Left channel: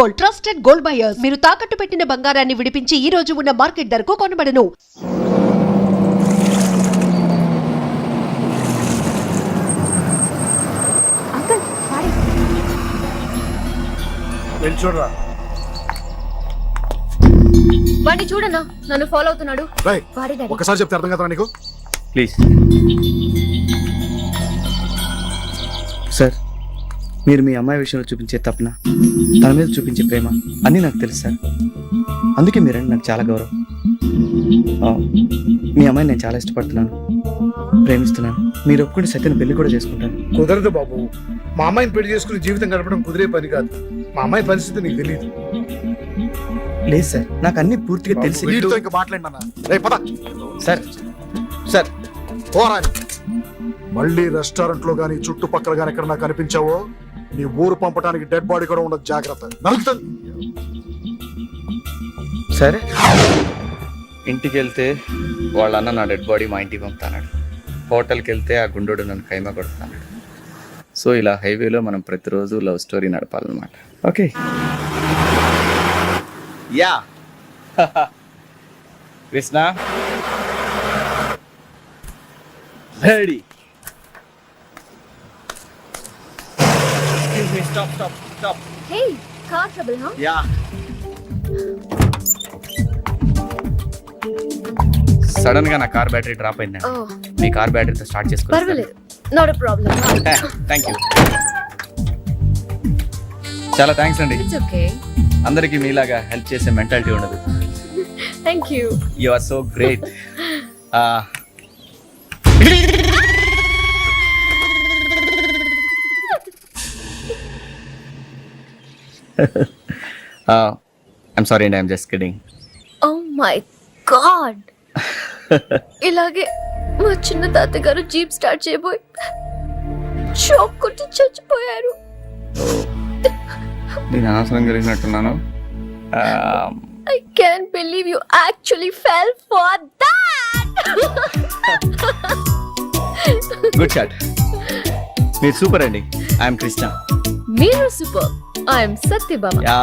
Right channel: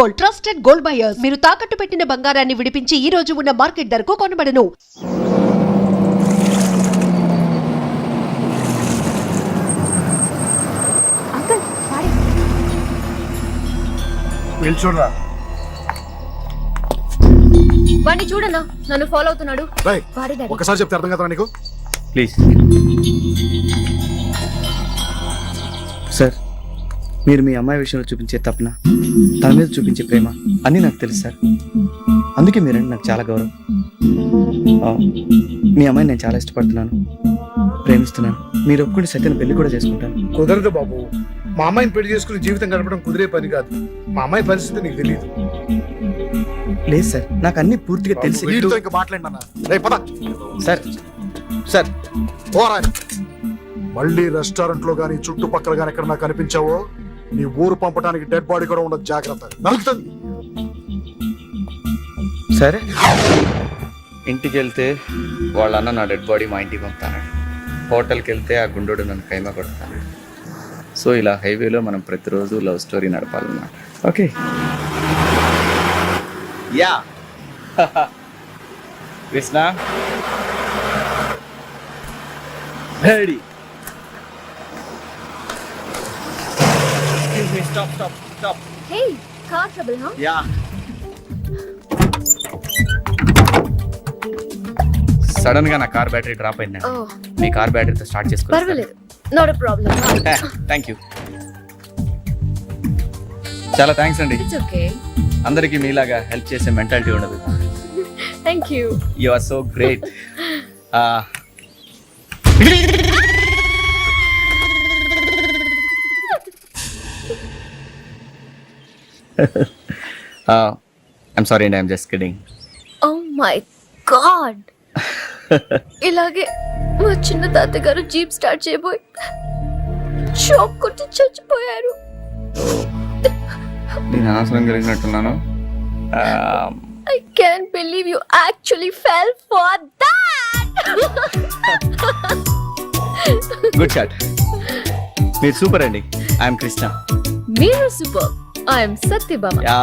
Gold, trusted gold buyers. మీరు తాకట్టు పెట్టిన బంగారాన్ని విడిపించి ఈ రోజు ఉన్న మార్కెట్ ధరకు కొనబడను. అంకుల్ వాడే వెళ్ళి చూడరా. వాడిని చూడన్నా, నన్ను ఫాలో అవుతున్నాడు. రేయ్, వాడే డాడీ. ఒకసారి చెప్తే అర్థం కదా నీకు? ప్లీజ్ సార్, మీరు మీ అమ్మాయి విషయంలో చూపించే తపన, తన మీద చూపించే ప్రేమ అన్నీ నాకు తెలుసు సార్. అందుకే మీరంటే నాకు చాలా గౌరవం. మీ అమ్మాయిని నేను చాలా ఇష్టపడుతున్నాను, ప్రేమిస్తున్నాను. మీరు ఒప్పుకుంటే సత్యను పెళ్లి కూడా చేసుకుంటాను. కుదరదు బాబు. మా అమ్మాయిని పెళ్లి చేసుకుని జీవితం గడపడం కుదిరే పని కాదు. మా అమ్మాయి పరిస్థితి నీకు తెలియదు. లేదు సార్, నాకు అన్ని పూర్తిగా తెలిసి. వీటితో ఇంకా మాట్లాడినా రేపు పద. సార్ సార్ పోరా. మళ్ళీ రెస్టారెంట్ లో గానీ చుట్టుపక్కల గానీ ఎక్కడ నాకు కనిపించావో నీ ఊరు పంపడానికి డెడ్ బాడీ కూడా ఉండదు. జాగ్రత్త. నలుగుతుంది. సరే, ఇంటికి వెళ్తే వాళ్ళ అన్న నా డెడ్ బాడీ మా ఇంటికి పంపుతాడు. హోటల్కి వెళ్తే ఆ గుండోడు నన్ను కైమా కొడతాడు. సో ఇలా హైవేలో మనం ప్రతిరోజు లవ్ స్టోరీ నడపాలన్నమాట. Okay yeah Krishna ready. Stop stop stop. Hey, car trouble హా? యా, సడన్ గా నా కార్ బ్యాటరీ డ్రాప్ అయిందండి. ఓ, మీ కార్ బ్యాటరీతో స్టార్ట్ చేసుకోవాలి. పర్వాలేదు, not a problem. Thank you, చాలా థ్యాంక్స్ అండి. It's okay. అందరికీ మీలాగా హెల్ప్ చేసే మెంటాలిటీ ఉండదు. Thank you. You are so great. I'm sorry అండి, I'm just kidding. Oh my God, ఇలాగే మా చిన్న తాతగారు జీప్ స్టార్ట్ చేయబోయి షాక్ కొట్టి చచ్చిపోయారు. నేను అనవసరం కలిగినట్టున్నాను. I can't believe you actually fell for that. Good shot. మీరు సూపర్ అండి. ఐఎమ్ కృష్ణ. మీరు super. I am Satyabhama. Yeah,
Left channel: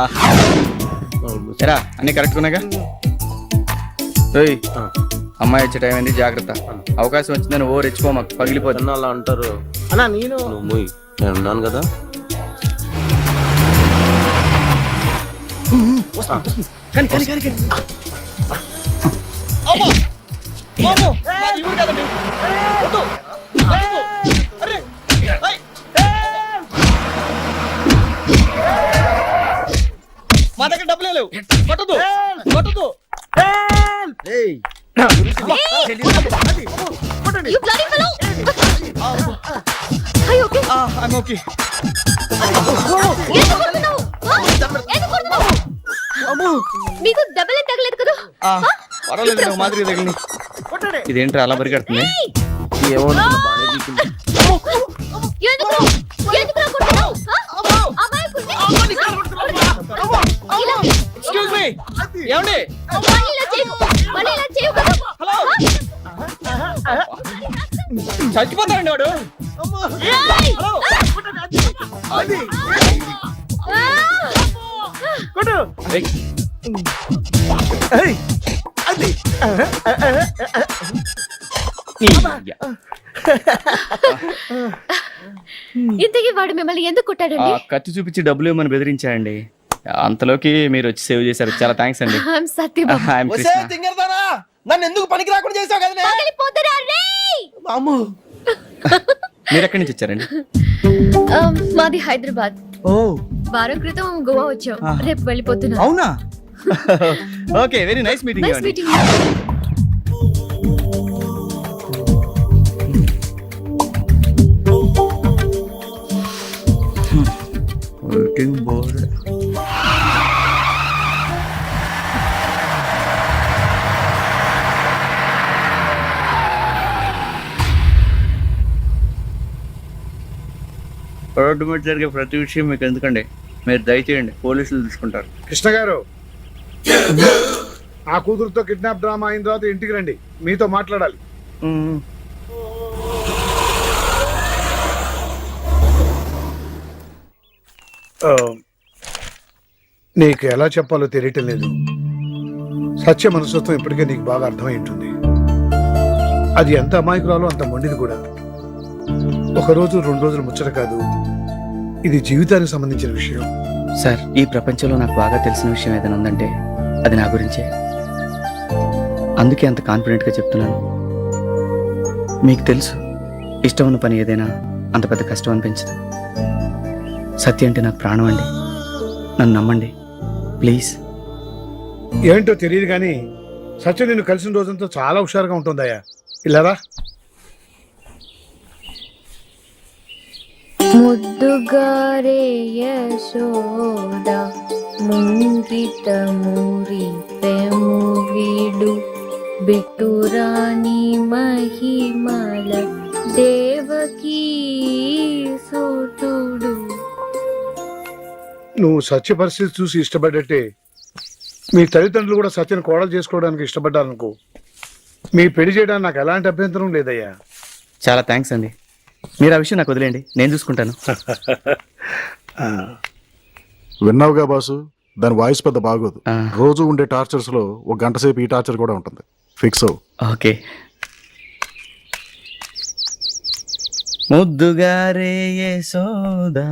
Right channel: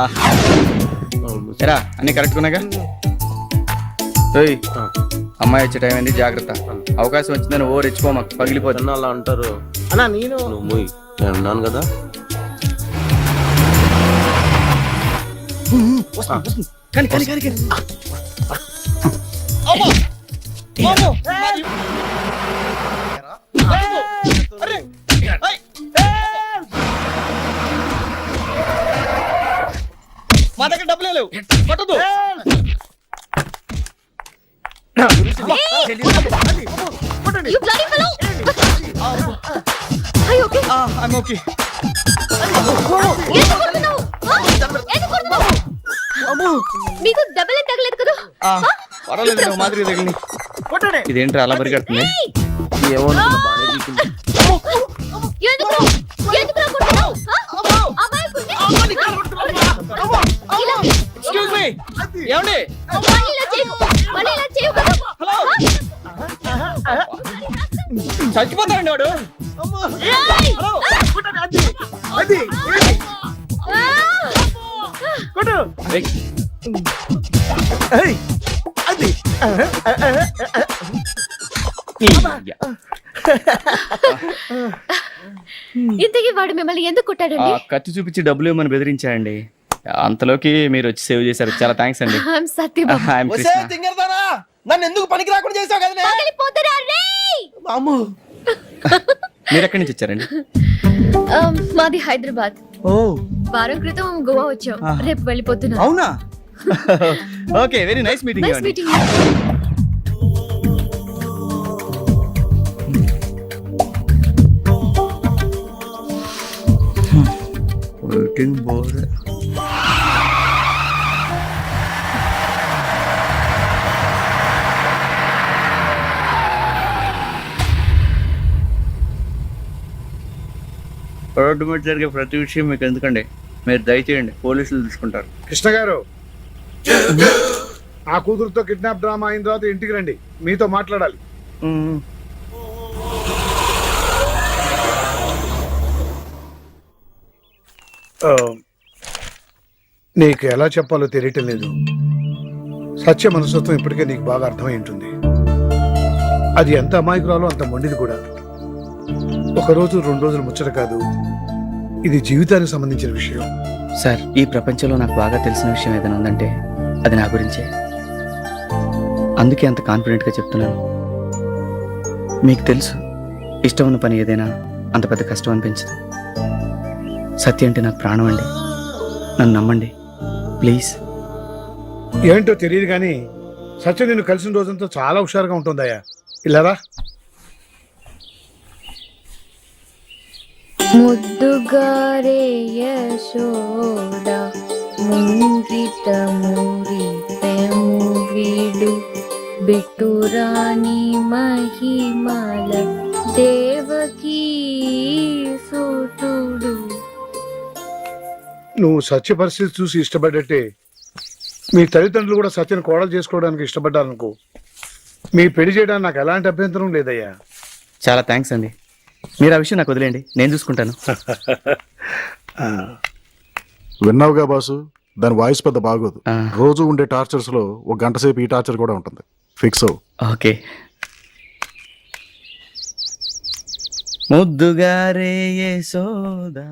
ఎరా అన్ని కరెక్ట్గా ఉన్నాగా? ఓయ్, అమ్మాయి వచ్చే టైం అయింది, జాగ్రత్త. అవకాశం వచ్చిందని ఓ రెచ్చిపో, మాకు పగిలిపోతుంది. అలా అంటారు అన్నా. నువ్వు నేను ఉన్నాను కదా. కానీ కానీ కానీ మా దగ్గర డబ్బులు లేవు. పట్టదు పట్టదు. You bloody fellow. Are you okay? I'm okay. ఎందుకు కొడుతున్నావు? ఎందుకు కొడుతున్నావు? నీకు దెబ్బలే తగలేదు కదా? పర్వాలేదు, నాకు మాదిరి తగిలింది. ఇదేంటి అలా పరిగెడుతుంది? ఏమో బాగా దిక్కుంది. ఎందుకు ఎందుకు కొడుతున్నావు? అమాయకుడిని. ఎక్స్క్యూజ్ మీ, ఏమండి? మళ్ళీ ఇలా చేయకు కదా? హలో, చచ్చిపోతారండి వాడు. రేయ్! ఇంతకీ వాడు మిమ్మల్ని ఎందుకు కొట్టాడండి? కత్తి చూపించి డబ్బులు ఇవ్వమని బెదిరించాయండి. అంతలోకి మీరు వచ్చి సేవ్ చేశారు, చాలా థ్యాంక్స్ అండి. I'm సత్యభామ. I'm కృష్ణ. నన్ను ఎందుకు పనికి రాకుండా చేసావు కదా? పగిలిపోతారా రేయ్! మీరు ఎక్కడి నుంచి వచ్చారండి? మాది హైదరాబాద్. ఓ, వారం క్రితం గోవా వచ్చాం. రేపు వెళ్ళిపోతున్నా. అవునా? Okay, very nice meeting. Nice meeting. Waiting board. Road మీద జరిగే ప్రతి విషయం మీకు ఎందుకండి? మీరు దయచేయండి, పోలీసులు తీసుకుంటారు. కృష్ణ గారు, ఆ కూతురుతో కిడ్నాప్ డ్రామా అయిన తర్వాత ఇంటికి రండి, మీతో మాట్లాడాలి. నీకు ఎలా చెప్పాలో తెలియటం లేదు. సత్య మనస్తత్వం ఇప్పటికే నీకు బాగా అర్థమై ఉంటుంది. అది ఎంత అమాయకురాలో అంత మొండిది కూడా. ఒకరోజు 2 రోజులు ముచ్చట కాదు, ఇది జీవితానికి సంబంధించిన విషయం. సార్, ఈ ప్రపంచంలో నాకు బాగా తెలిసిన విషయం ఏదైనా ఉందంటే అది నా గురించే. అందుకే అంత కాన్ఫిడెంట్గా చెప్తున్నాను. మీకు తెలుసు, ఇష్టం ఉన్న పని ఏదైనా అంత పెద్ద కష్టం అనిపించదు. సత్య అంటే నాకు ప్రాణం అండి. నన్ను నమ్మండి ప్లీజ్. ఏంటో తెలియదు కానీ సత్య నిన్ను కలిసిన రోజంతా చాలా హుషారుగా ఉంటుందయ్యా. ఇలారా. ముద్దుగారే యశోద ముంగిట మురిపెము వీడు బిట్టురాణి మహిమల దేవకీ సుతుడు. నువ్వు సత్య పరిస్థితి చూసి ఇష్టపడ్డట్టే మీ తల్లిదండ్రులు కూడా సత్యను కోడలు చేసుకోవడానికి ఇష్టపడ్డారనుకో, మీ పెళ్లి చేయడానికి నాకు ఎలాంటి అభ్యంతరం లేదయ్యా. చాలా థ్యాంక్స్ అండి. మీరు ఆ విషయం నాకు వదిలేండి, నేను చూసుకుంటాను. విన్నావుగా బాసు, దాని వాయిస్ పెద్ద బాగోదు. ఆ. రోజు ఉండే టార్చర్స్ లో 1 గంట సేపు ఈ టార్చర్ కూడా ఉంటుంది. ఫిక్స్ అవు. ఓకే. ముద్దుగారే యశోదా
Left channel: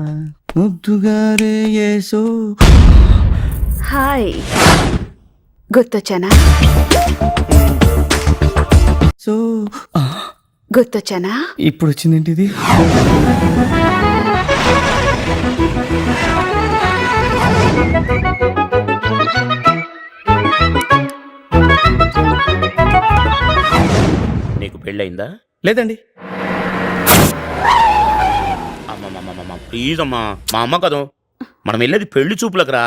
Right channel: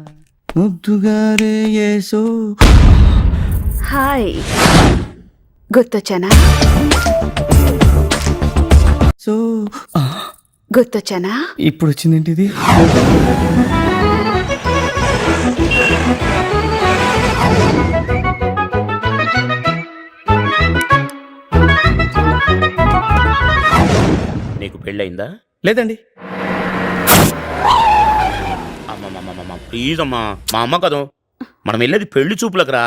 ముద్దుగారే యశో. హాయ్, గుర్తొచ్చానా? సో గుర్తొచ్చానా? ఇప్పుడు వచ్చిందేంటి ఇది? నీకు పెళ్ళయిందా? లేదండి. అమ్మమ్మమ్మమ్మ ప్లీజ్ అమ్మా, మా అమ్మ కదా, మనం వెళ్ళేది పెళ్లి చూపులకు రా,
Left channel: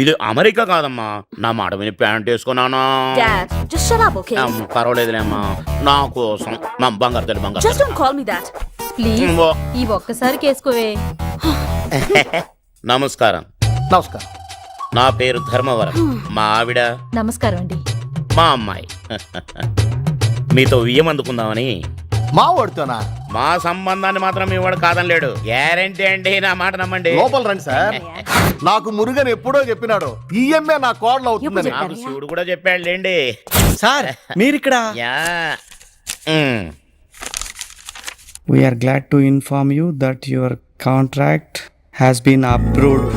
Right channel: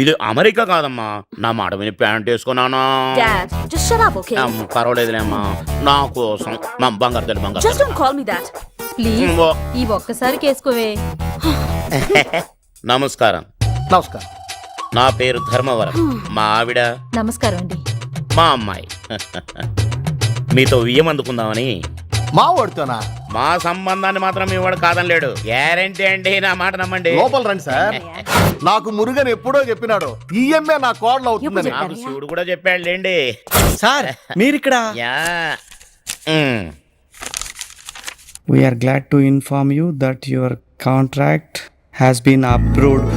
ఇది అమెరికా కాదమ్మా. నా మాట విని pant వేసుకున్నానా? Dad, just shut up, okay? పర్వాలేదులే అమ్మా, నా కోసం మా బంగారు తల్లి బంగారు Just don't call me that. Please తల్లి. ఈ ఒక్కసారి కేసుకోవే. నమస్కారం. నమస్కారం. నా పేరు ధర్మవరం. మా ఆవిడ నమస్కారం అండి. మా అమ్మాయి. మీతో వియ్యం అందుకుందామని. మా వాడుతోనా? మా సంబంధాన్ని మాత్రం మీ వాడు కాదనలేడు. గ్యారంటీ అండి, నా మాట నమ్మండి. లోపల రండి సార్. నాకు మురుగన్ ఎప్పుడో చెప్పినాడు ఈఎంఏ నా కోడలు అవుతుందని. నాకు శివుడు కూడా చెప్పాడు లేండి. సార్, మీరిక్కడ? Yeah. We're glad to inform you that your contract has been approved.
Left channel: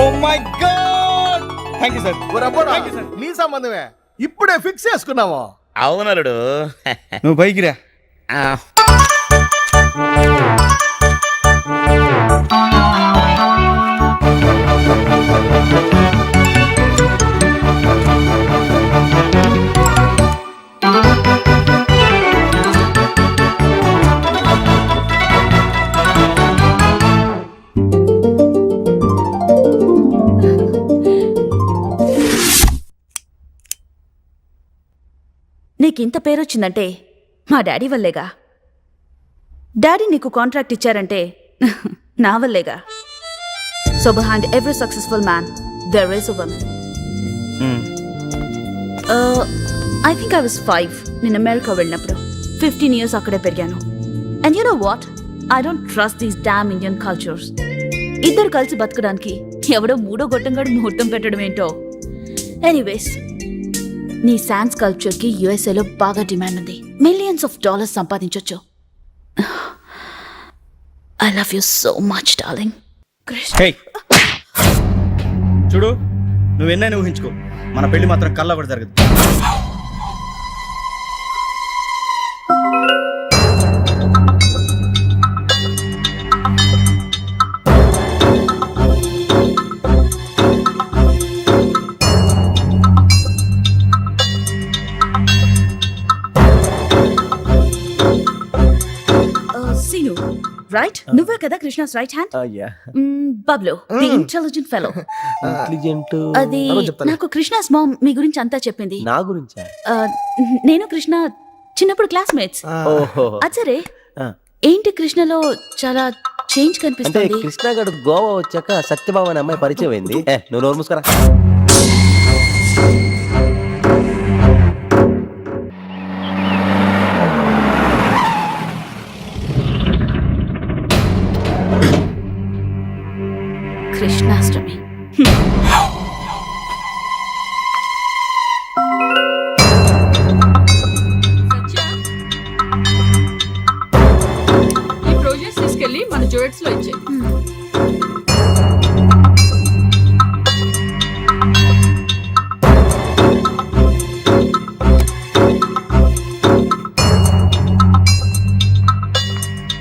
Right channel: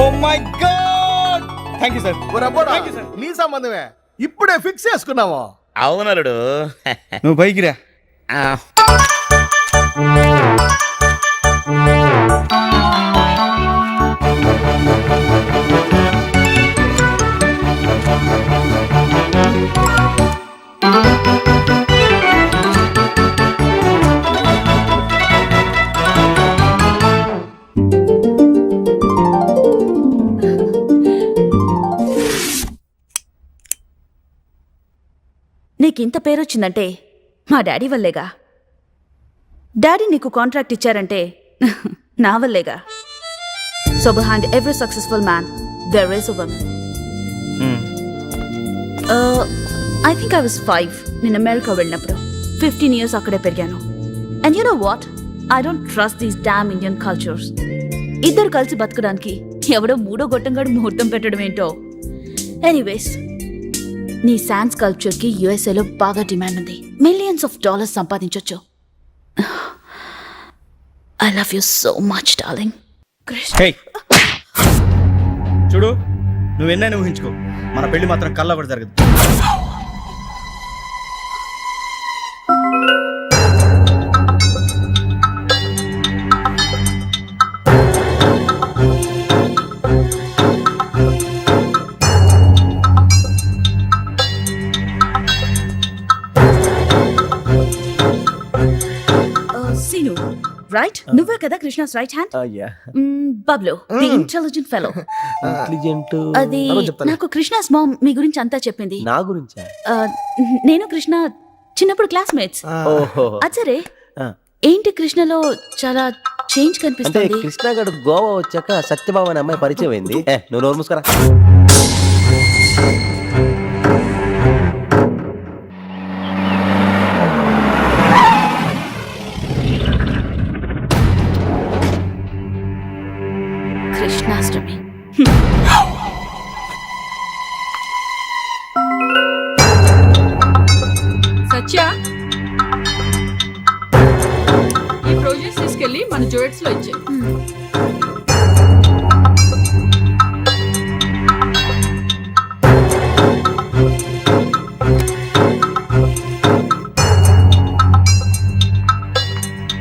Oh my God, thank you sir. ఒరబ్బోడా, నీ సంబంధమే ఇప్పుడే ఫిక్స్ చేసుకున్నాము. అవునలుడు. నువ్వు పైకి రా. నీకింత పేరొచ్చిందంటే మా డాడీ వల్లేగా. డాడీ నీకు కాంట్రాక్ట్ ఇచ్చారంటే నా వల్లేగా. So behind every successful man there is a woman. I think I was 5 నేను అమెరికా వెళ్ళినప్పుడు. 15 years అక్కడే పెరిగాను. And you know what, I don't trust these damn Indian cultures. ఇద్దరు కలిసి బతకడానికి ఎవడో మూడో గొట్టంగాడు ముహూర్తం పెట్టడం ఏంటో. ఎనీవేస్, నీ శాన్స్ కల్చర్కి యుఎస్ఏలో బాగా డిమాండ్ ఉంది. $millions సంపాదించొచ్చు. I love you so much darling. Hey, చూడు, నువ్వెన్నైనా ఊహించుకో, మన పెళ్లి మాత్రం కల్లా కూడా జరగదు. సీను, రైట్? నువ్వే కదా Krishna's right hand? Bablu, the intelligent fellow. అది నాకు కృష్ణాస్ మామ్ మీ గురించి అంతా చెప్పింది. నా గురించా? నేను కృష్ణ చిన్నప్పుడు క్లాస్మేట్స్. అచ్చరే, ఏంటి కృష్ణలో చాలా చేంజ్ కనిపిస్తుంది. కృష్ణ గారు గోవా వచ్చాక సత్యభామ అనే అమ్మాయి పరిచయం అయింది. నువ్వు నోరు మూసుకురా. కృష్ణాష్టమి సత్య, ఈ ప్రాజెక్ట్స్ తీసుకెళ్ళి మన జోయిట్స్ లో ఇచ్చేయి.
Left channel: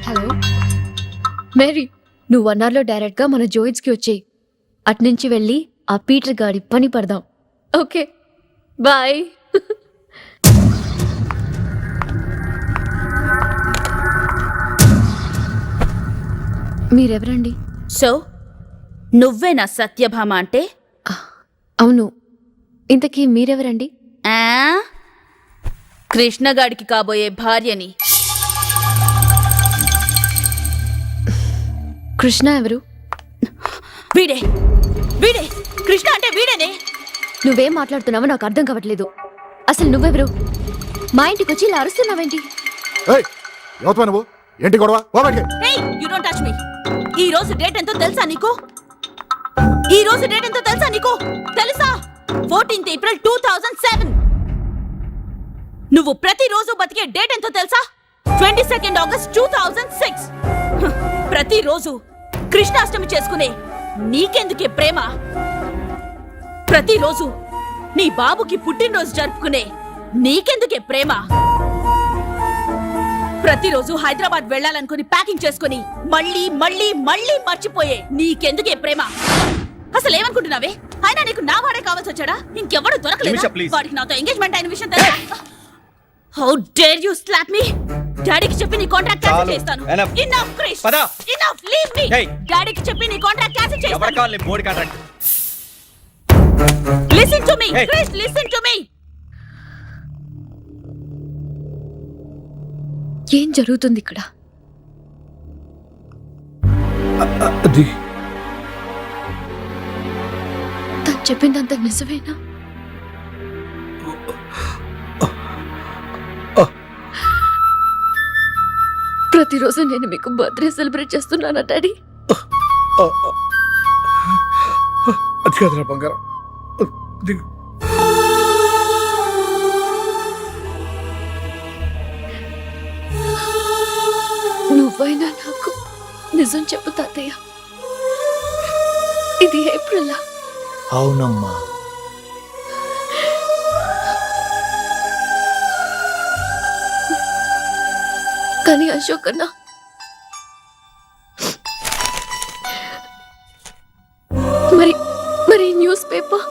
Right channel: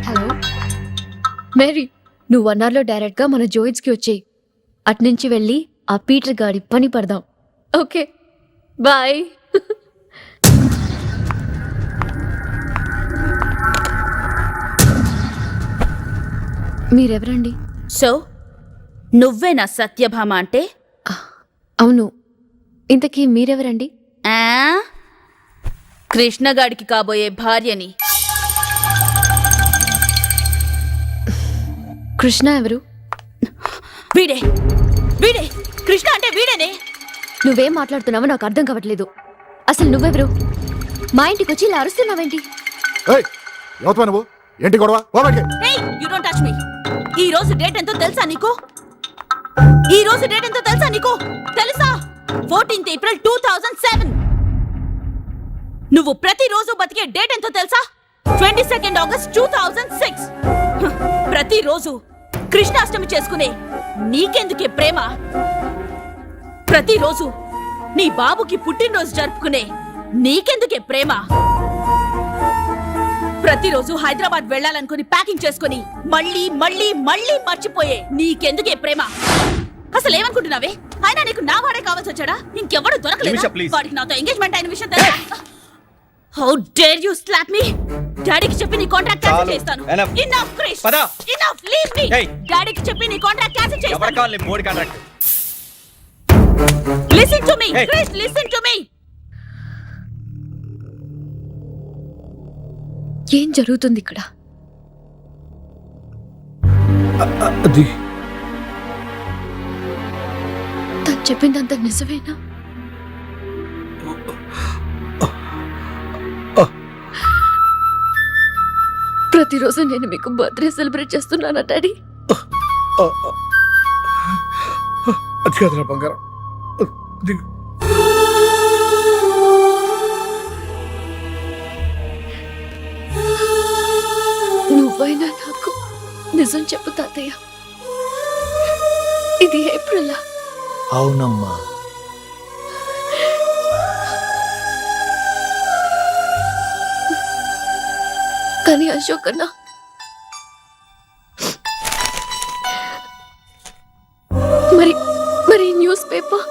హలో మేరీ, నువ్వు 1 hour లో డైరెక్ట్ గా మన జోయిట్స్ కి వచ్చేయి. అట్నుంచి వెళ్ళి ఆ పీటర్ గాడి పని పడదాం. Okay bye. మీరెవరండి? సో నువ్వే నా సత్యభామ అంటే? అవును, ఇంతకీ మీరెవరండి? ఆ? కృష్ణగాడికి కాబోయే భార్యని. కృష్ణ ఎవరు? వీడే వీడే కృష్ణ అంటే వీడేనే. నువ్వేం మాట్లాడుతున్నావో నాకు అర్థం కావట్లేదు. అసలు నువ్వెవరు? మా ఇంటికి వచ్చి ఇలా అరుస్తున్నావేంటి? ఏయ్, ఎవతవా నువ్వు? ఏంటి గొడవ? పో బయటికి. Hey, you don't touch me. ఈ రోజు డేట్ ఎంతో తెలుసా నీకు? ఈ రోజు డేట్ ఎంతో తెలుసా నీకు? తెలుసా? 14th April 2007. నువ్వు ప్రతిరోజు బతికే డేట్ ఎంతో తెలుసా? 22nd August 2006. ప్రతిరోజు కృష్ణాష్టమి చేసుకునే నీకెందుకే ప్రేమ? ప్రతిరోజు నీ బాబుకి పుట్టినరోజు జరుపుకునే నీకెందుకే ప్రేమ? ప్రతిరోజు హైదరాబాద్ వెళ్ళాలనుకుని ప్యాకింగ్ చేసుకుని మళ్ళీ మళ్ళీ మళ్ళీ మర్చిపోయే నీకెందుకే ప్రేమ? అసలు ఏమనుకుంటున్నావే? అయినా నీకు నా వాడే కావాల్సి వచ్చాడా? ఇంకెవడు నిమిష, దొరకలేదా? please. వాడికి నాతో ఎంగేజ్మెంట్ అయిన విషయం తెలుసా? How dare you slap me? డాడీకి చెప్పి నీ కాంట్రాక్ట్ క్యాన్సిల్ చాలు. చేస్తాను. Enough. ఇనఫ్ క్రిష్. పద. Enough, leave me. Hey. డాడీకి చెప్పి నీ కాంట్రాక్ట్ క్యాన్సిల్ ఎవరు చేస్తాను. కావాలి board contract? Listen to me Hey. Krish, listen to me. ఏం జరుగుతుంది ఇక్కడ? అది తను చెప్పిందంత నిజమేనా? ప్రతిరోజు నేను మీకు బర్త్డే సెలబ్రేట్ చేస్తున్నానా డాడీ? అది కాదురా బంగారం. దిగు. నువ్వైనా నాకు నిజం చెప్పు తాతయ్య. ఇది ఏప్రిలా? అవునమ్మా. కానీ అశోక్ అన్న, మరి మరి న్యూస్ పేపర్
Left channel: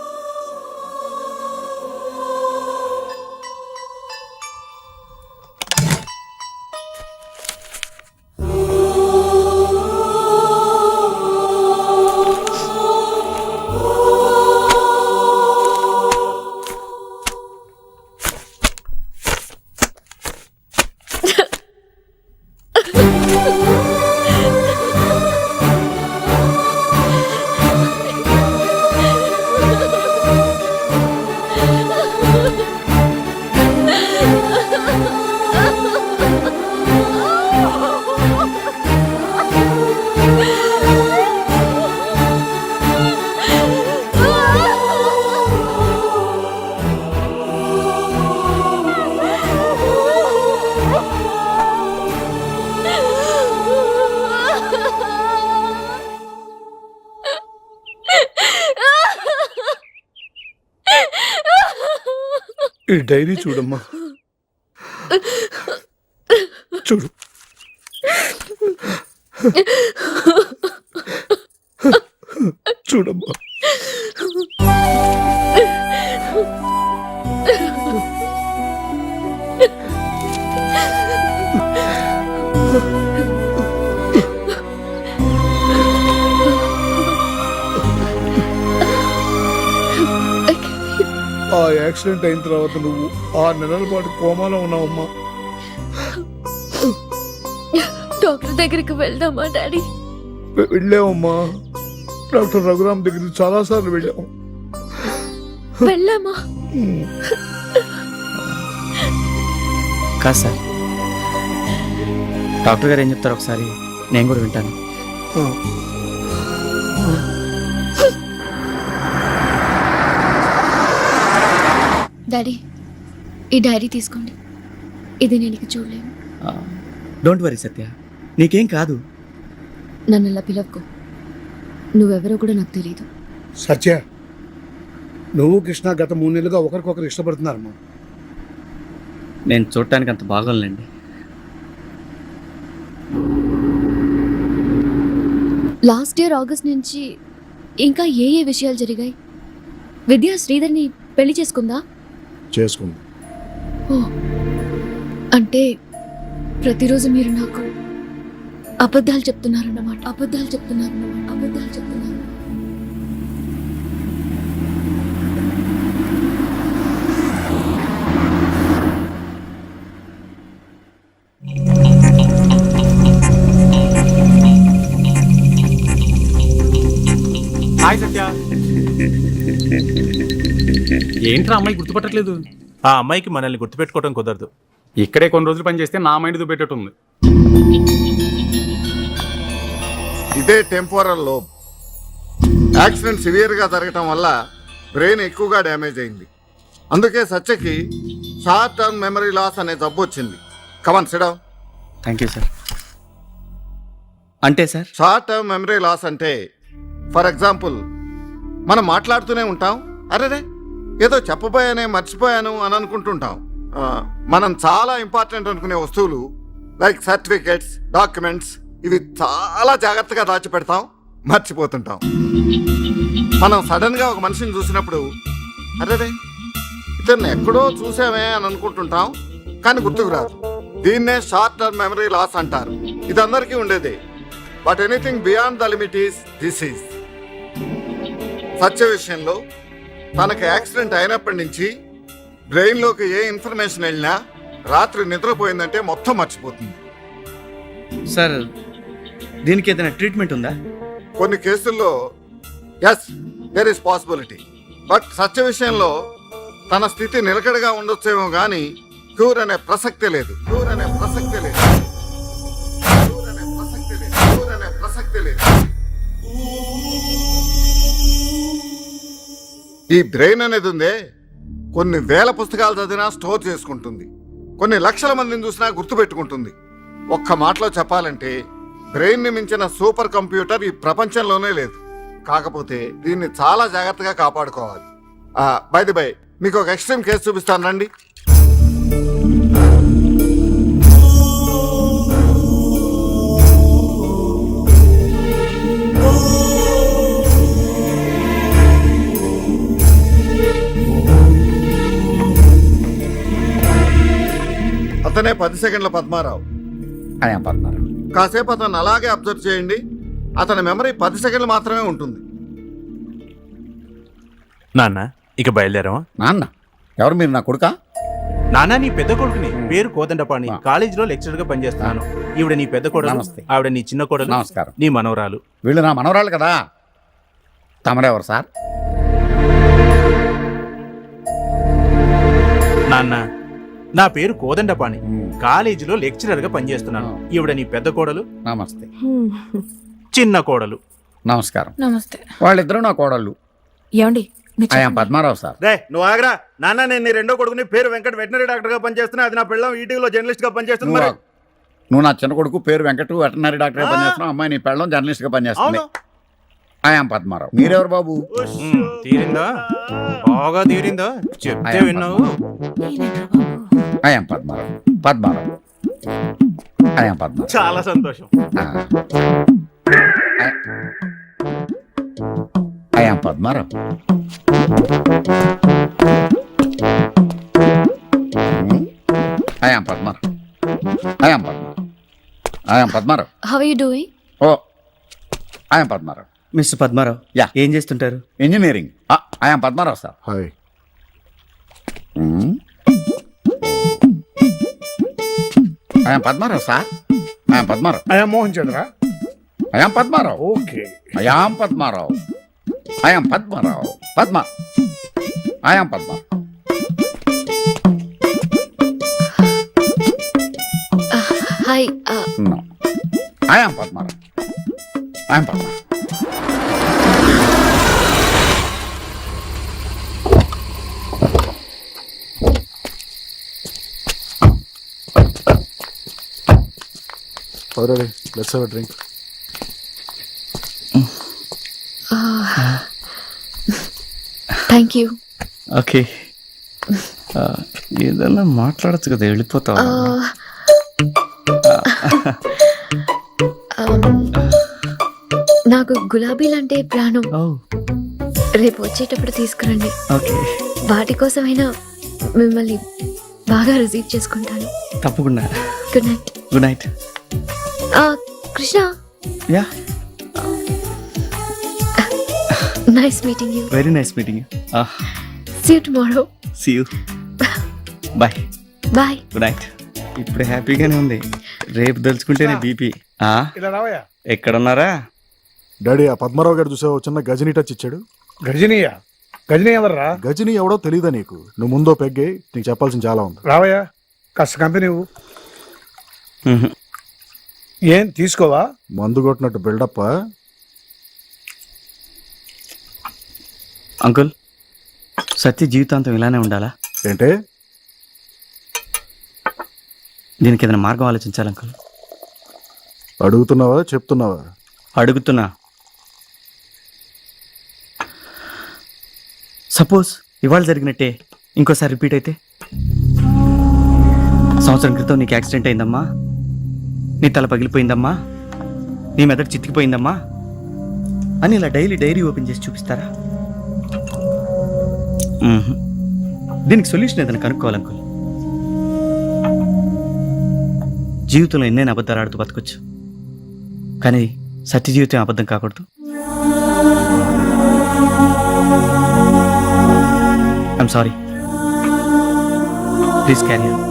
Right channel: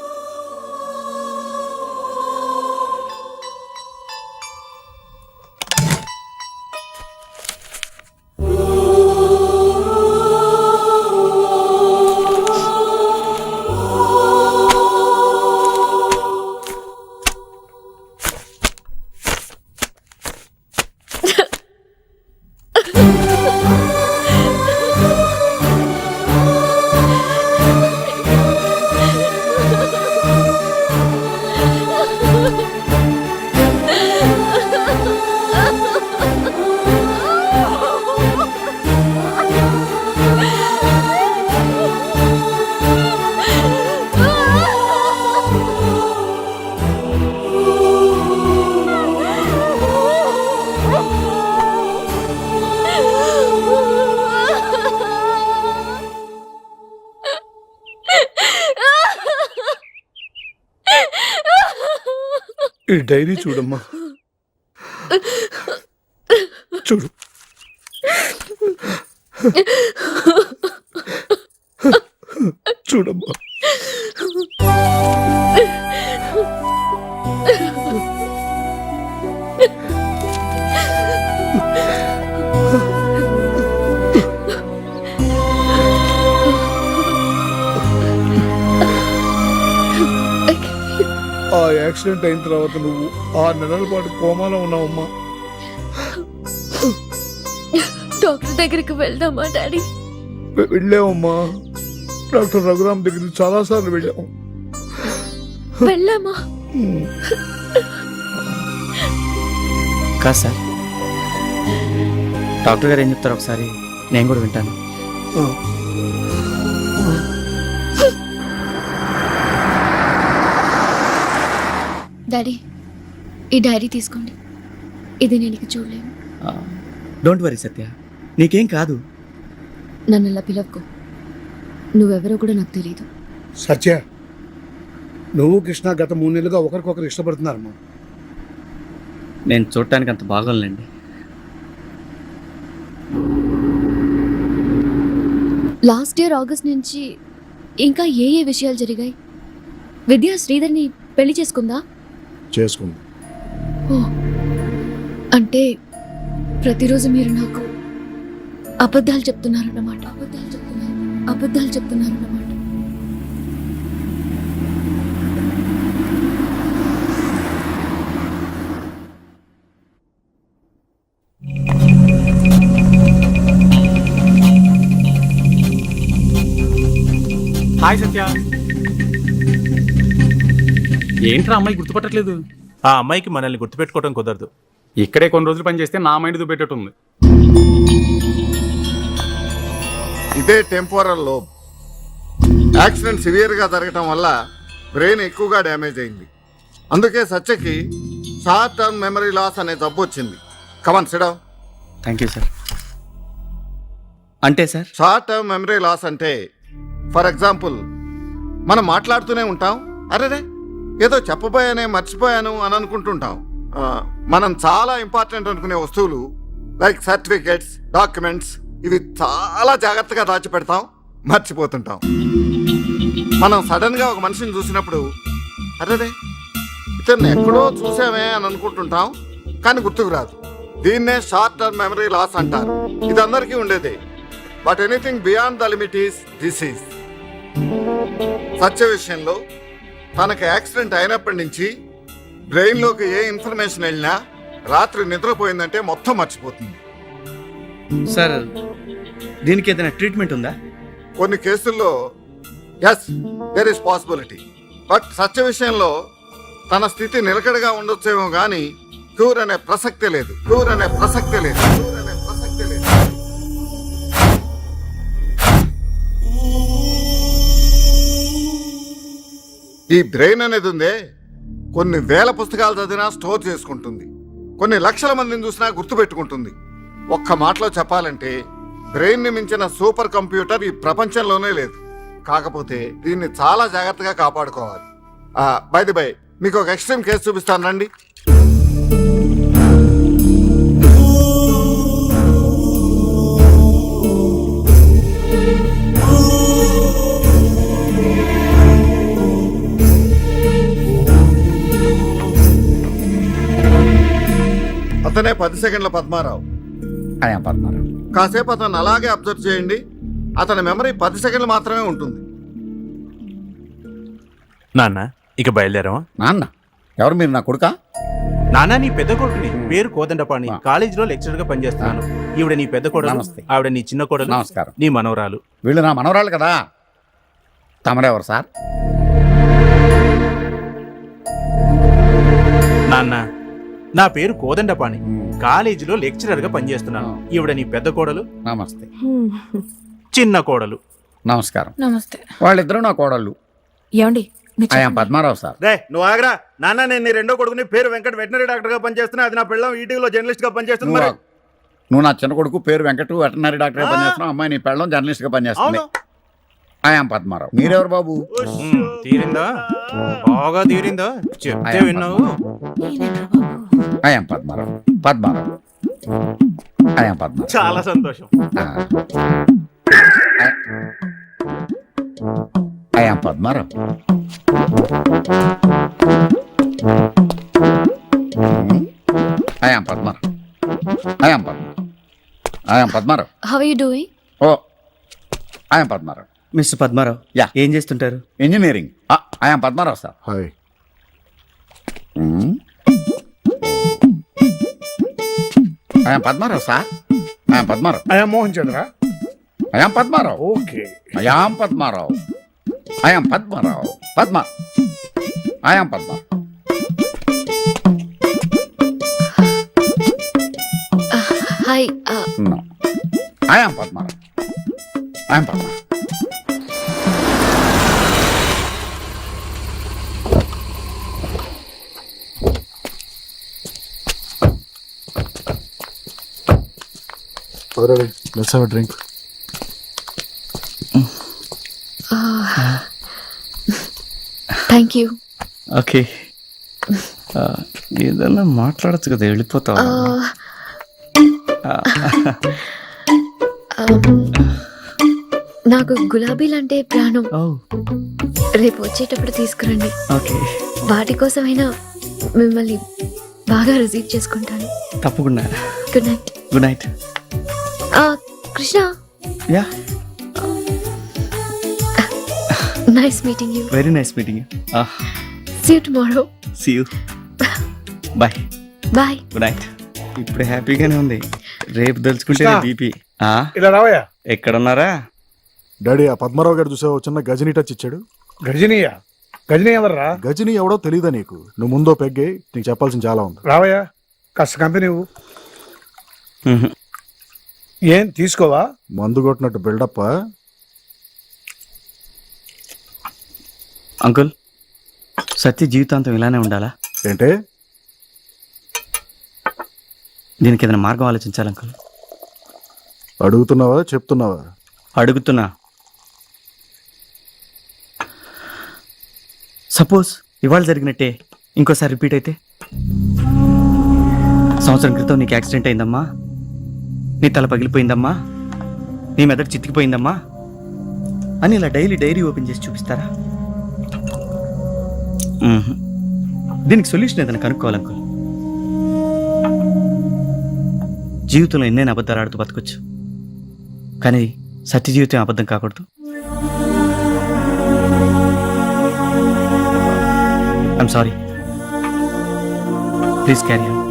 ఈ డైరీ చూడమ్మా. చూడు. చూడమ్మా. ఆ యాక్సిడెంట్ అయిన తర్వాత నువ్వు 6 నెలల పాటు కోమాలో ఉన్నావమ్మా. డాక్టర్ దగ్గరికి వెళ్దామా డాడీ? వెళ్ళావమ్మా. డాక్టర్ రఘురామ్ దగ్గరికి చాలా సార్లు వెళ్ళాము. వెళ్ళామా? కాదు సార్, డాక్టర్ గారు ఏం చెప్తారు ఒకసారి నేను కూడా వింటాను. డాడీ ఈ డైరీ తీసుకోండి. ఇది నేను ఇక చూడలేను. డోంట్ వరీ సత్య, నీకేం కాదు. నన్ను అలా పిలవకు. నువ్వెవరో కూడా నాకు తెలియదు. సత్య, నువ్వు కృష్ణ గత 3 నెలలుగా ఒకరికొకరు ఇష్టపడుతున్నారమ్మా. నేను చూడటానికి అంత బాగోలేండి. లాస్ట్ ఇయర్ ఆగస్ట్ నుంచి ఇంకా ఏ ఏ విషయాలు జరిగాయి? విద్య శ్రీధర్ని పెళ్లి చేసుకుందా? చేసుకుంది. ఓ, అంటే ప్రతిరోజు మీరు నాకు అబద్ధాలు చెప్తున్నారన్నమాట. హాయ్ సత్య. ఏంట్రా అమ్మాయి గుర్తుపట్టట్లేదు? ఆ అమ్మాయికి మనల్ని గుర్తుపెట్టుకోవడం కుదరదు. ఇక్కడే కొన్ని రోజులు పని చేస్తే నా మైండ్ దుబ్బెట్టేటుంది. ఇదే టెంపోరల్ లోబ్. యాక్సిడెంట్ సివియర్గా జరగటం వల్ల బ్రెయిన్ ఎక్కువగా డ్యామేజ్ అయింది. అందుకే సత్యకి షార్ట్ టర్మ్ మెమరీ లాస్ అనే జబ్బు వచ్చింది. Come on sit down. Thank you sir. అంటే sir, short term memory loss అంటే ఫర్ ఎగ్జాంపుల్, మనం మాట్లాడుతూనే ఉంటాం, అరేరే ఏదో చెప్పబోయానే మర్చిపోయాను అని అనుకుంటుంటాం. మనం చాలా ఇంపార్టెంట్ అనుకునే వస్తువులు లైక్ సర్టిఫికేట్స్, డాక్యుమెంట్స్, ఇవి చాలా జాగ్రత్తగా దాచిపెడతాం, మర్చిపోతుంటాం. మనం సడన్గా ఒక మనిషిని చూసినప్పుడు అరేరే ఇతన్ని ఎక్కడో చూసామే అని అనుకుంటుంటాం, కానీ గుర్తుకు రాదు. దీన్నే షార్ట్ టర్మ్ మెమరీ లాస్ అంటారు. ఇది అందరికీ ఉండేదే. But anything beyond the limit is disease. Satya విషయంలో తనకు యాక్సిడెంట్ అయినప్పటి నుంచి బ్రెయిన్లోకి ఏ ఇన్ఫర్మేషన్ వెళ్ళినా రాత్రి నిద్రపోయిందంటే మొత్తం మర్చిపోతుంది. సార్ దీనికి ఏదైనా ట్రీట్మెంట్ ఉందా? కొన్ని కేసుల్లో yes, there is possibility. But Satya విషయంలో తన స్థితి నిలకడగా ఉండొచ్చేమో కానీ క్యూర్ అనే ప్రసక్తే లేదు. ఈ బ్రెయిన్ అనేది ఉందే, కొన్ని వేల పుస్తకాలు చదివినా స్టోర్ చేసుకుంటుంది, కొన్ని లక్షల మందిని చూసినా గుర్తుపెట్టుకుంటుంది. ఒక్క మాటలో చెప్పాలంటే బ్రెయిన్ని మించిన సూపర్ కంప్యూటర్ ఈ ప్రపంచంలోనే లేదు. కాకపోతే దీన్ని చాలా జాగ్రత్తగా కాపాడుకోవాలి. బై ది బై, మీకు ఒక ఎక్స్ట్రీమ్ కేసు చూపిస్తాను రండి. అతనే 10 సెకండ్ల పద్మారావు. కాసేపు అతను అలాగే అబ్జర్వ్ చేయండి. అతని మెమరీ 10 సెకండ్లు మాత్రమే ఉంటుంది. నాన్న ఇక బయలుదేరావా? నాన్న ఎవరు? మీరు నా కొడుకా? నాన్న నీ పెద్ద కొడుకుని, పేరు కోదండపాణి, కాలేజీలో లెక్చరర్ గా పనిచేస్తున్నాను. ఈవిడ నీ పెద్ద కోడలు, ఆవిడ నీ చిన్న కోడలు, నమస్కారం. నీ మనవరాలు. వీళ్ళు నా మనవరాలు కదా. తమరెవరు సార్? నాన్న నా పేరు కోదండపాణి, కాలేజీలో లెక్చరర్ గా పనిచేస్తున్నాను. ఈవిడ నీ పెద్ద కోడలు, నమస్తే. చిన్న కోడలు. నమస్కారం. నమస్తే. వాళ్ళిద్దరూ నా కోడళ్ళు. ఏమండి? పద్మారావు సార్. రే నువ్వు ఆగరా నాన్న. నేను నీ రెండో కొడుకుని, పేరు వెంకట, వెటనరీ డాక్టర్ గా పనిచేస్తున్నా. అది నా పిల్లం ఈటీవీలో జర్నలిస్ట్ గా పనిచేస్తుంది. మరి నువ్వు నా చిన్న కొడుకు, పేరు వెంకట, వెటనరీ డాక్టర్ గా పనిచేస్తున్నావు. అమ్మాయి నీ పెళ్ళం జర్నలిస్ట్ గా పనిచేస్తుంది. ఐఎమ్ పద్మారావు. మీరెవరు బాబు? తీరిందా? బాగా తీరిందా? చెప్తే విన్నావు. ఐఎమ్ పద్మారావు. ఐఎమ్ పద్మారావు. చాలా సంతోషం. I'm Padmarao. I'm Padmarao. How are you doing? Oh, I'm Padmarao. Mister Padmarao, yeah. ఏం చేస్తుంటారు? Engineering. I'm Padmarao sir. Hi. I'm Padmarao sir. I'm Padmarao. I'm Mohan Chandra. I'm Padmarao. Okay. I'm Padmarao. I'm Padmarao. I'm Padmarao. Hi. No. I'm Padmarao. I'm Padmarao. Drink. Thank you. Okay. ఏదన్నా మాట్లాడచ్చు కదా, వెళ్ళిపోతావా? నాకు గులాబీలంటే ప్రాణం. ఓ, రేపు వచ్చేటప్పుడు తీసుకురండి. ఓకే. వాటి కోసమైనా మిమ్మల్ని బాగా రిసీవ్ చేసుకుంటాను. తప్పకుండా. Good night. Good night. Krishna, yeah, nice meeting you. Very nice meeting you. See you tomorrow. See you. Bye. Bye. Good night. ఇప్పుడు హ్యాపీగానే ఉంది, రేపు తెలుసుకుంటేనే బీపీ. ఇలా రావయ్యా. ఎక్కడున్నారా? డాడీ, ఆ పద్మారావు గారు చూసావు, చిన్న గజనీ టచ్ ఇచ్చాడు. గజనీయా? గజనీ ఎవర్రా? గజనీ ఎవడో తెలీదా నీకు? నువ్వు ముందో పెగ్గే, నీకు చెప్పాల్సిన చాలా ఉంది. రావయ్యా, కాస్త కంపెనీ ఇవ్వు. ఏం తీసుకోవా? మందు కొట్టినట్టు బిల్డప్. అంకుల్, సత్య జీవితాంతం ఇలానే ఉండాలా? ఏంటే? దీనికి ఏదైనా మార్గం ఆలోచించాలి అంకుల్. అడుగుతున్నావా చెప్తున్నావా? అడుగుతున్నా. సపోజ్ ఇవాళ జరిగినట్టే ఇంకోసారి రిపీట్ అయితే? సంవత్సరం క్రితం నీకు యాక్సిడెంట్ అయిందమ్మా, నీ తల పగిలిపోయిందమ్మా, నీ మెదడు చితికిపోయిందమ్మా అని ఇలా డైరీ ఓపెన్ చేసి చూపిస్తారా? దీనికి సొల్యూషన్ ఏదైనా కనుక్కోవాలి అంకుల్. జీవితంలో ఎన్నైనా అబద్ధాలు ఆడుతూ బతకొచ్చు, కానీ సత్య జీవితం అబద్ధం కాకూడదు. I'm sorry, please carry on.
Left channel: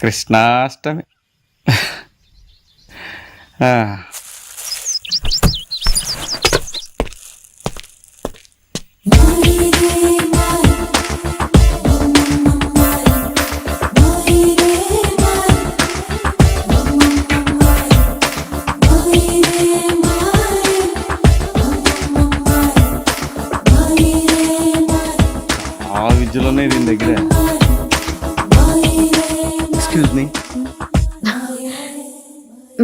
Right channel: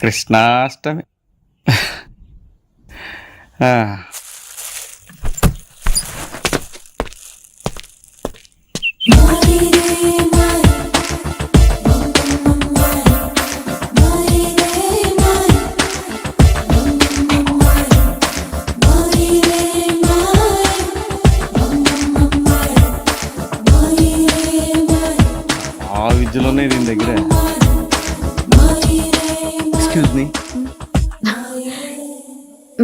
Krishnashtami. ఆ విద్యలోనే దీని దగ్గర. ఎక్స్క్యూజ్ మీ,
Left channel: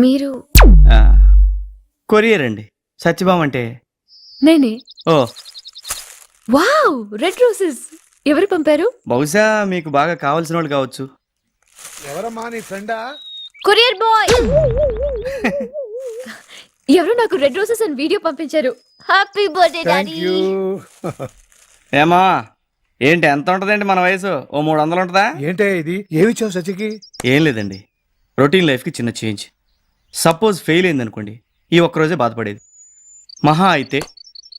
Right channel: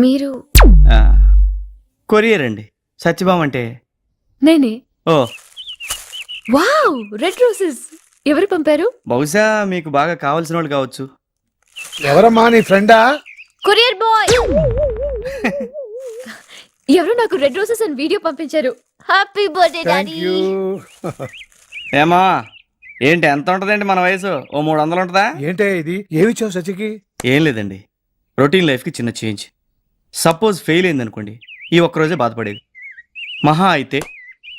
మీరు? కొరియర్ అండి. సత్యభామ అంటే నేనే. ఓ, వావ్, రెడ్ రోజెస్. ఎవరు పంపారు? బహుశా మీకు బాగా కావాల్సిన వాళ్ళు కావచ్చు. ఎవరమ్మా, నీ ఫ్రెండా? Courier boy. ఎవరు నాకు రెడ్ రోజెస్ అని వీడియో పంపించారు. Happy birthday thank daddy. You. ఏమా, ఏంటి ఎంత ఉంటుందండి మన వయసు? ఓ 300 ఉంటుందా? ఏంటే ఇది? ఏమిచ్చావు సచికి? ఏం లేదండి, రొటీన్ లైఫ్కి చిన్న చేంజ్. సపోజ్ ఫెయిల్ అయిందనుకోండి, ఈ ఒక్కరోజే బాధపడేది. మహా అయితే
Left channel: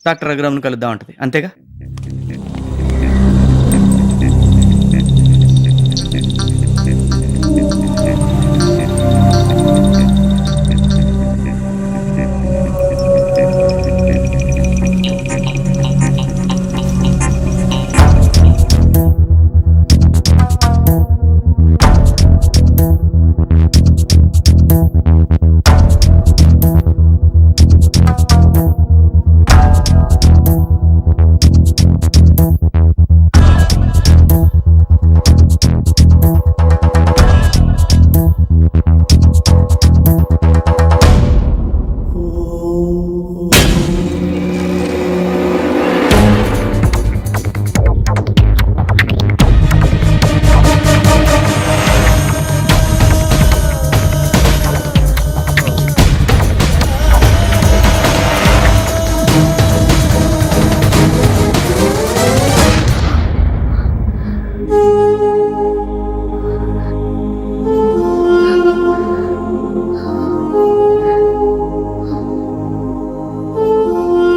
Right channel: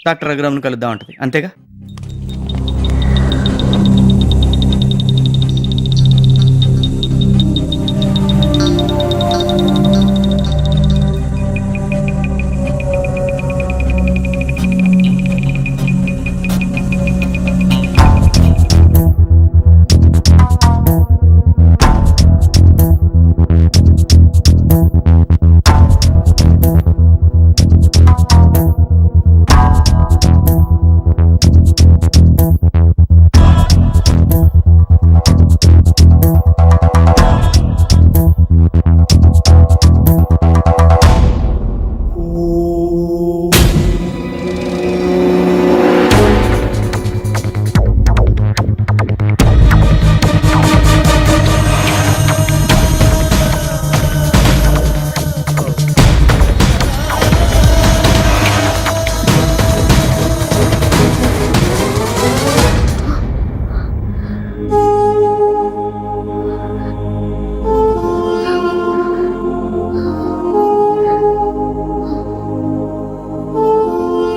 డాక్టర్ రఘురామ్ను కలుద్దాం అంటది, అంతేగా?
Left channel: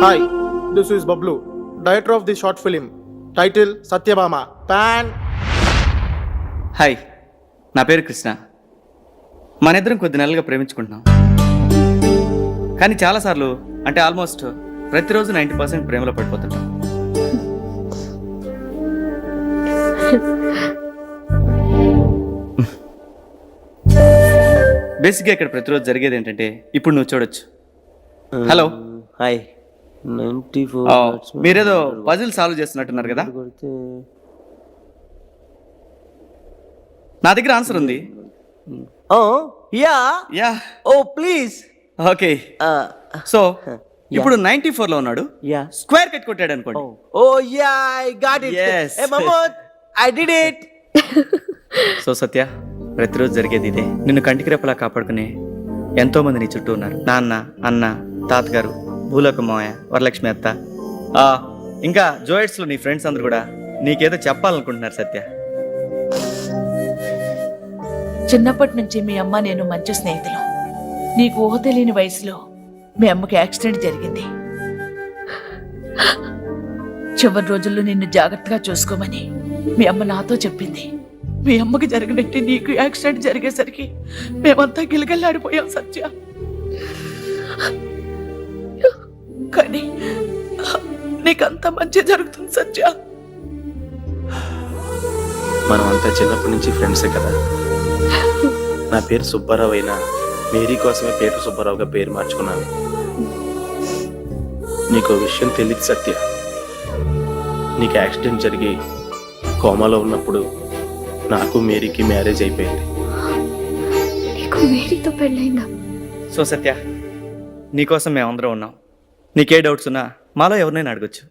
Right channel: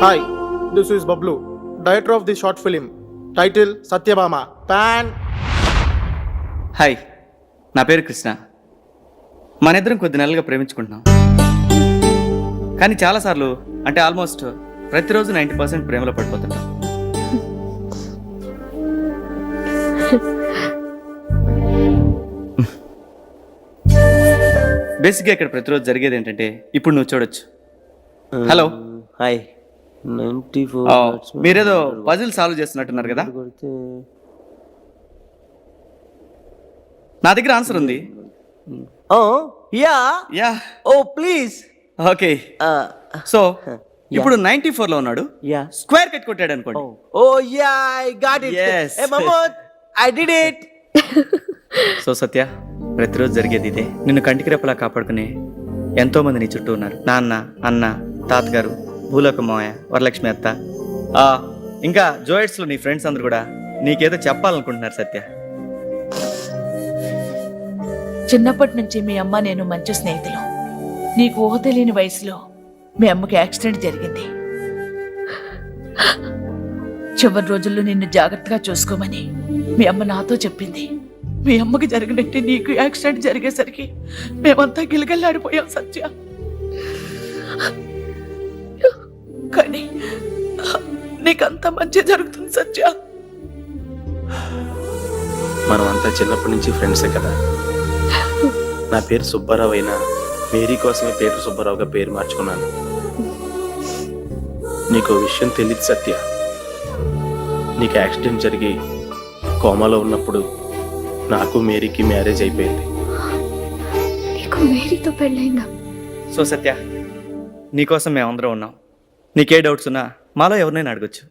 Hi, this is Bablu, director of this short film. Title Satyabhama. Pan. Hi, నా పేరు కృష్ణ. మన ఇద్దరం కొద్ది నెలలుగా ప్రేమించుకుంటున్నాం. కానీ చాలాసార్లు, అంటే ఆల్మోస్ట్ ప్రతిరోజు 90% ప్రేమలో పడిపోతుంటాం. బేసిక్గా ఇక్కడ ప్రతిరోజు జరిగేది ఏంటంటే ఇప్పుడు నువ్వు చూడొచ్చు. హలో హాయ్ మీరేదో పజిల్ సాల్వ్ చేస్తున్నట్టున్నారు కదా. నా దగ్గర ఆన్సర్ ఉంది. Yeah yeah oh please okay. So ఇప్పుడు 94 లో ఉన్నాడు. యా స్క్వేర్ కట్ కొట్టాడు అనుకోండి. Oh yeah I got it Yes. ఏ మమోద్ I did it. So Satya, ప్రతిరోజు జరిగేది ఇదే. నిన్ను కంటికి రెప్పలా కాపాడుకునే ఎంతో మంది నీ చుట్టూ ఉన్నారు. నాన్న, అన్న, తాతగారు, భూలోక మావయ్య, వరలక్ష్మి అత్త, ఇంకా జోయిట్స్లో నీ ఫ్రెండ్స్ అందరు కూడా నీకేదో చెప్పాలనుకుంటున్నారు సత్య. చిన్నప్పటి నుంచి మీ అమ్మ నేను మంచి స్నేహితులు. నీకు ఊహ తెలియని వయసులో మీ అమ్మకి యాక్సిడెంట్ జరిగింది. చివరి రోజుల్లో నిన్ను జాగ్రత్తగా చూసుకోమని మీ అమ్మ నాతో చెప్పింది. మీ అమ్మకి జరిగినట్టు నీకు యాక్సిడెంట్ జరిగేసరికి మేమంతా గిలగల్లాడిపోయాం సత్య. కానీ నీకంత మంచి జరుగుతుంది సత్య. మనం అంతా చిన్నప్పటి నుంచి ఫ్రెండ్సే కదా. నా పేరు సుబ్బారావు అయినా మేరీ కోసమే పేరు సుబ్బారావుగా పేరు మార్చుకున్నాను. నీకు విషయం తెలియదు సత్య. నీకు యాక్సిడెంట్ జరిగి కోమాలో ఉన్నప్పుడు నాకు మేరీకి మ్యారేజ్ అయిపోయింది. నీకు మేరీతో పెళ్ళైందా? సో సత్య, నీకోసం మేమందరం ఉన్నాం. నీకే డౌట్స్ ఉన్నా మాలో ఎవరినైనా అడగొచ్చు.